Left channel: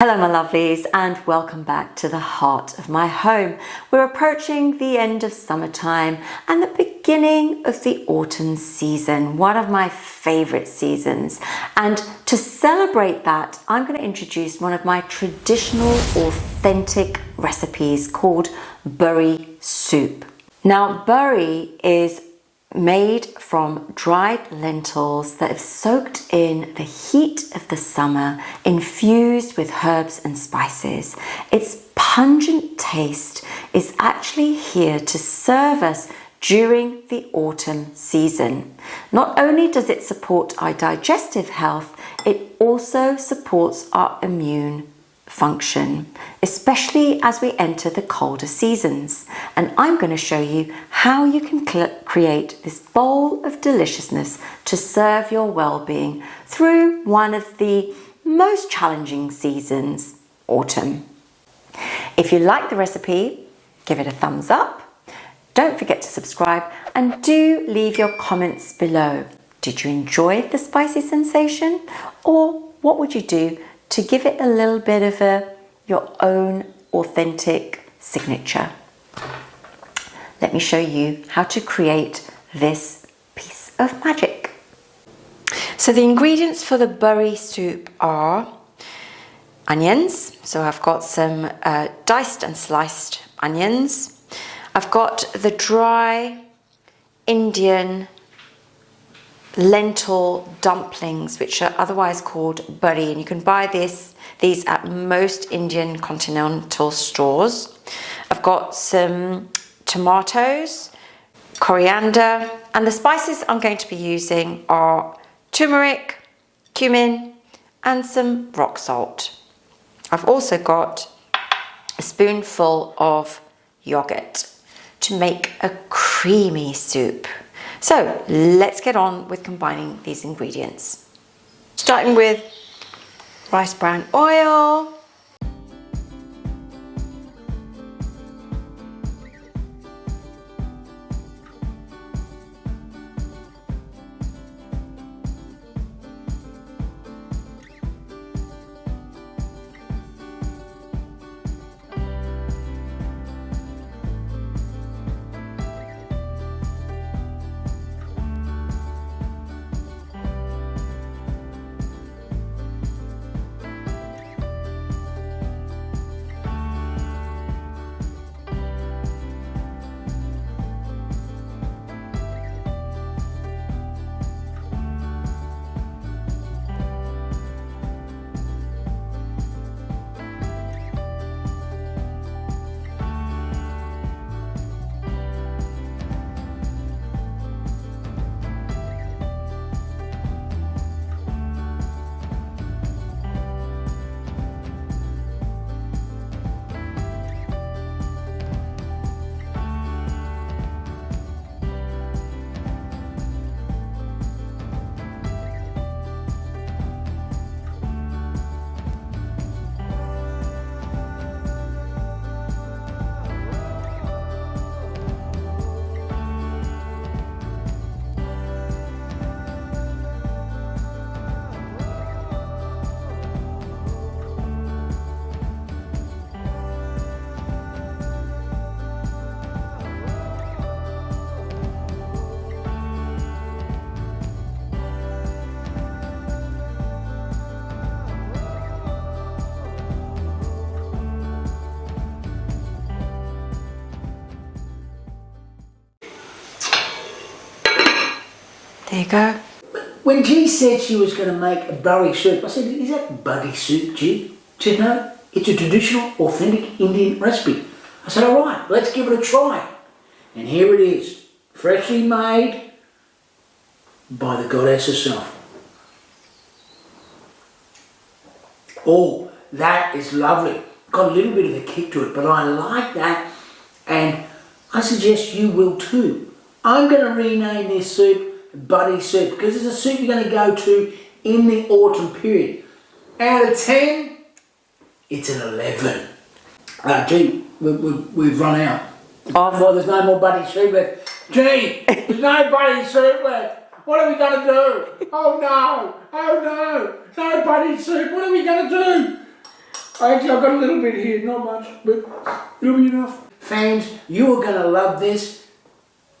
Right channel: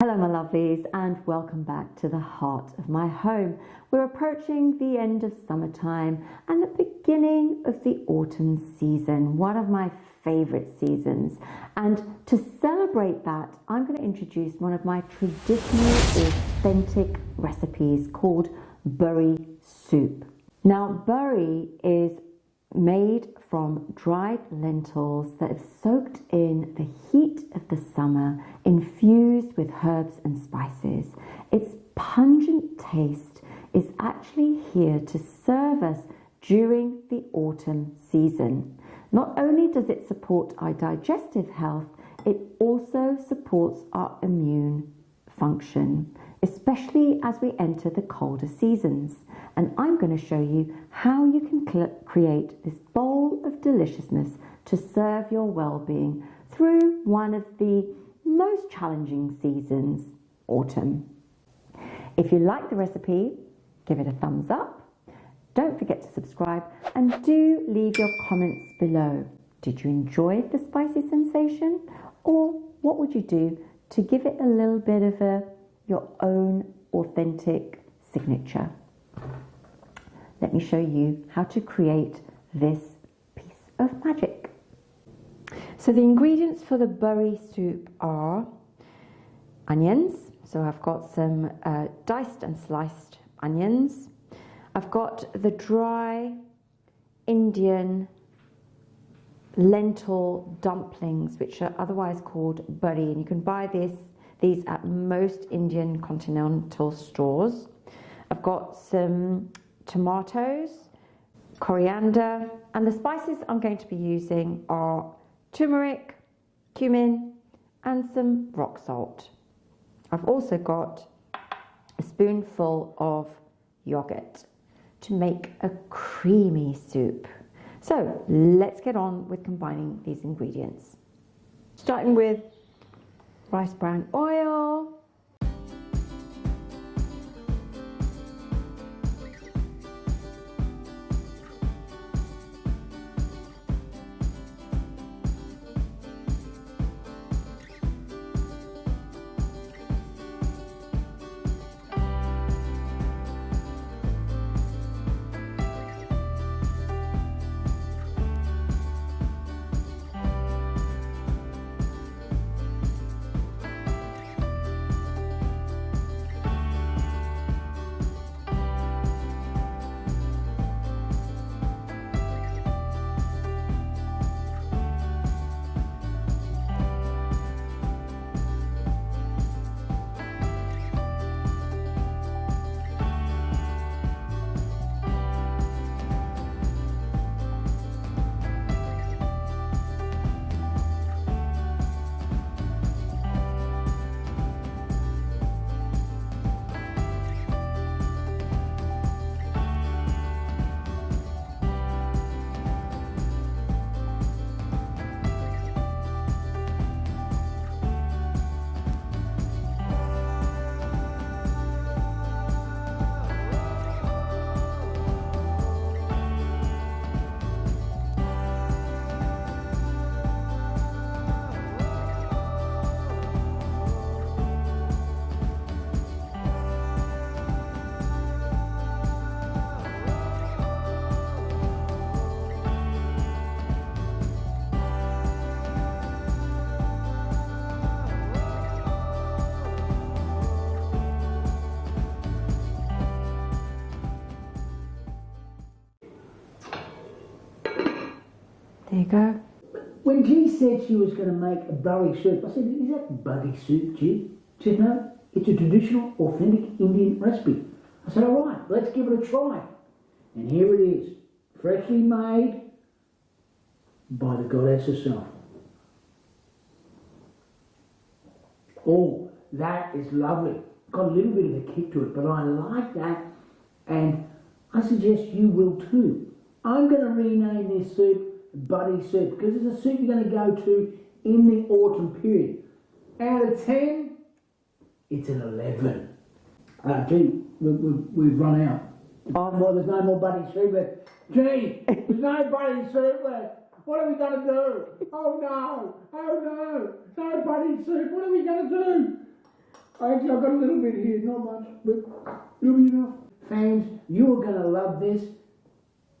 Hello my lovelies and welcome back to the heart of my home. We're approaching the end of summertime and the beginning of the autumn season, one of my favourite seasons. And to celebrate that, I'm going to introduce one of my traditional authentic recipes called bari soup. Now bari is made from dried lentils that have soaked in the heat of the summer, infused with herbs and spices. Its pungent taste is actually here to serve us during the autumn season. Not only does it support our digestive health, it also supports our immune function, especially as we enter the colder seasons. And I'm going to show you how you can create this bowl of deliciousness to serve your well-being through one of the most challenging seasons, autumn. If you like the recipe, give it a thumbs up. Don't forget to subscribe and do leave your comments below. Did you enjoy the spicy sensation? Or what would you do to give it a little bit of your own authentic signature? Let me show you how to create this piece of magic. So the ingredients for the bari soup are onions. So I've got some diced and sliced onions. I've got the dry Indian lentil dumplings, which are otherwise called bari, and you can buy these at most Indian continental stores. I've got some tomatoes, coriander, and the spices I'm going to be using are turmeric, cumin, and some rock salt. I've also got a spoonful of yogurt to make a creamy soup. So let's get on with combining these ingredients. Starting with rice bran oil, there you go. When G said she was going to make a bari soup, I said, is that bari soup, G? She said, no, it's a traditional, authentic Indian recipe. I said, all right, let's give it a try. And here it is, freshly made by the goddess herself. Oh, that is lovely. Got a little bit of a kick to it, but I like that, and I suggest you will too. I'm going to rename this soup bari soup because it's a soup you're going to go to in the autumn period. Out of 10, it's an 11. Gee, we've run out. Well, there's no more bari soup left. Gee, there's no bari soup left. What are we going to do? Oh no, no bari soup. What are we going to do? Actually, I've got a little bit here, not much, but it'll be enough. Fans, you are going to love this.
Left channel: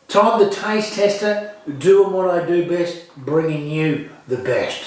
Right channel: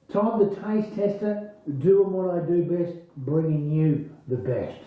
Todd the taste tester, doing what I do best, bringing you the best.